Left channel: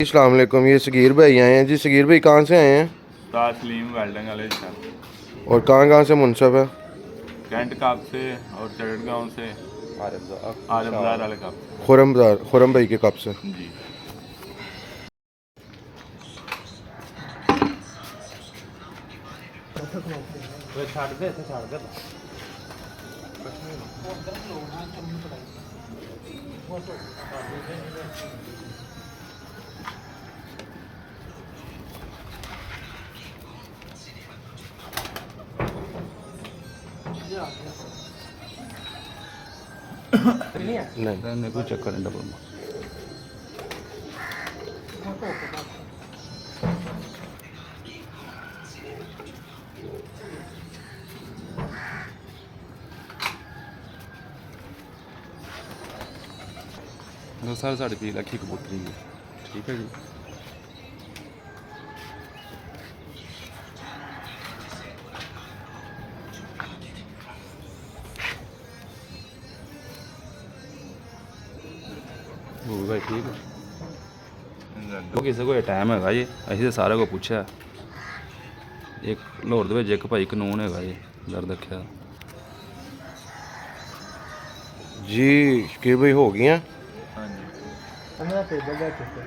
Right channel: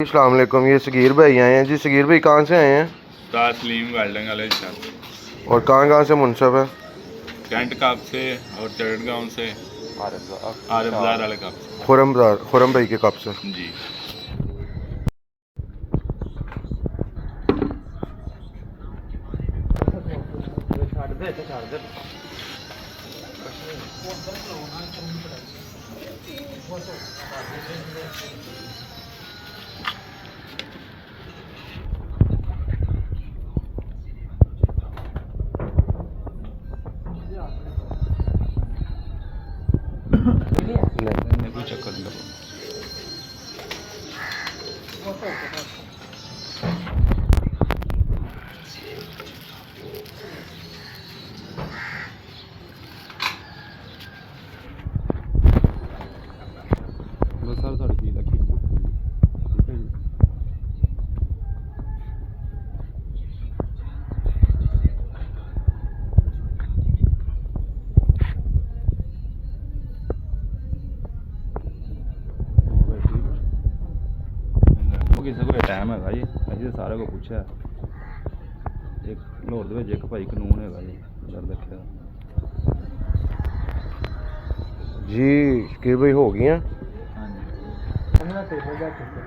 अस्सलाम वालेकुम। ये सगीर भाई आए हैं जी। सगीर भाई कहाँ से आए हैं उस्ताद सलीम वेल्डिंग वाले सर। और कहाँ से मुनसब है? कैंट कप से और चरड़गांव से आर बाजार वाले कप से। खुरम भाई के कब से? जी नहीं कोई चक्कर नहीं। सर साढ़े 20 लाख की कबूतरी ठीक है जी। भाई ठीक है वो किसी को टाइम है जी। ਅਸੀਂ ਤਾਂ ਸਾਰਿਆਂ ਕੋ ਪੁੱਛਿਆ ਇੱਕ ਲਾਹੌਰ ਦੇ ਵਿੱਚ ਇੱਕ ਭਾਈ ਕਾਨੂੰਨ ਹੈਗਾ ਜੀ ਦਰ ਦੇਖਿਆ जी। शकीर भाई हो गई हैं? ਹਾਂਜੀ ਉਹਨਾਂ ਟੇਬਲ ਦਾ ਕਿੱਥੇ